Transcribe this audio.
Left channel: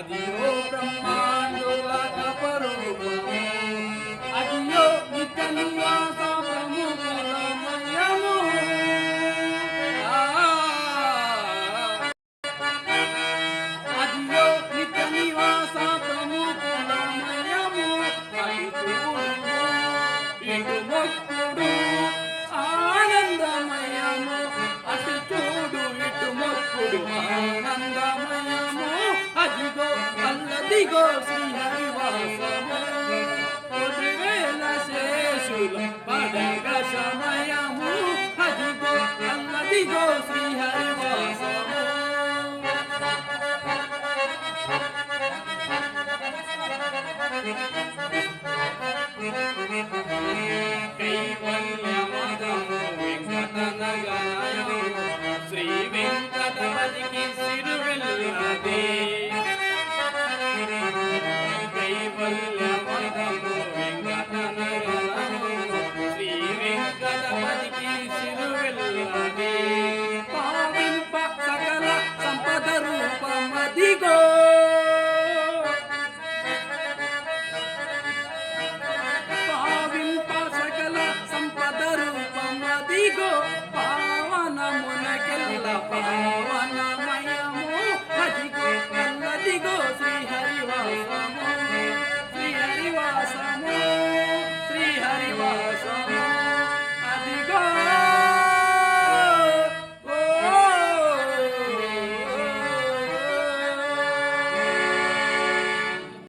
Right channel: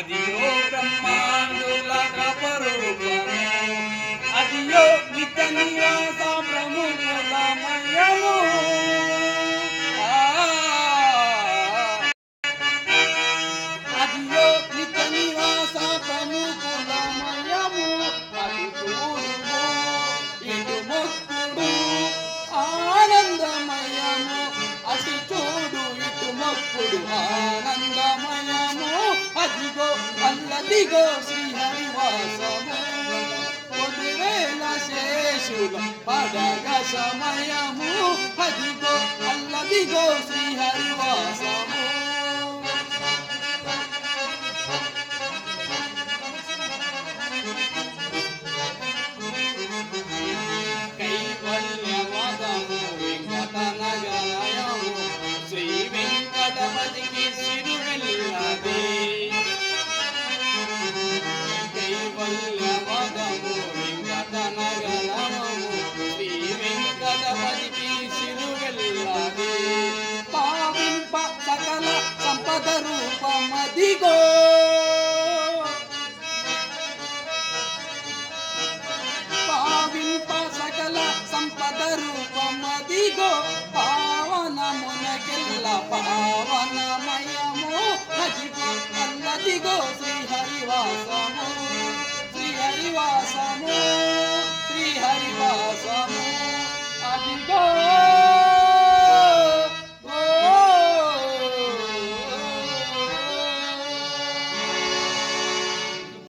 అదియో బ్రహ్మాండుల అపరూపము, అదియో నిత్య నివాస ప్రముఖులమయము. అదియో నిత్య నివాస ప్రముఖులమయము. ఇటు మొక్కుడు ఆనందమయము, అటు చూడు ఇటు మొక్కుడు ఆనందమయము. అదిగో అల్లదిగో శ్రీహరివాసము, పొదివేల శేషుల పడగ సమయము. అదిగో అల్లదిగో శ్రీహరివాసము. కైవల్యమదము వెంకటనగరయము, శ్రీ వెంకటపతికి సిరువెల్లది. కైవల్యమదము వెంకటనగరయము, శ్రీ వెంకటపతికి సిరువెల్లది. పావింప సకల సంపద రూపమదిగో, సంపద రూపమదిగో. పావనమునకెల్ల పావనమయము, అదిగో అల్లదిగో శ్రీహరివాసము.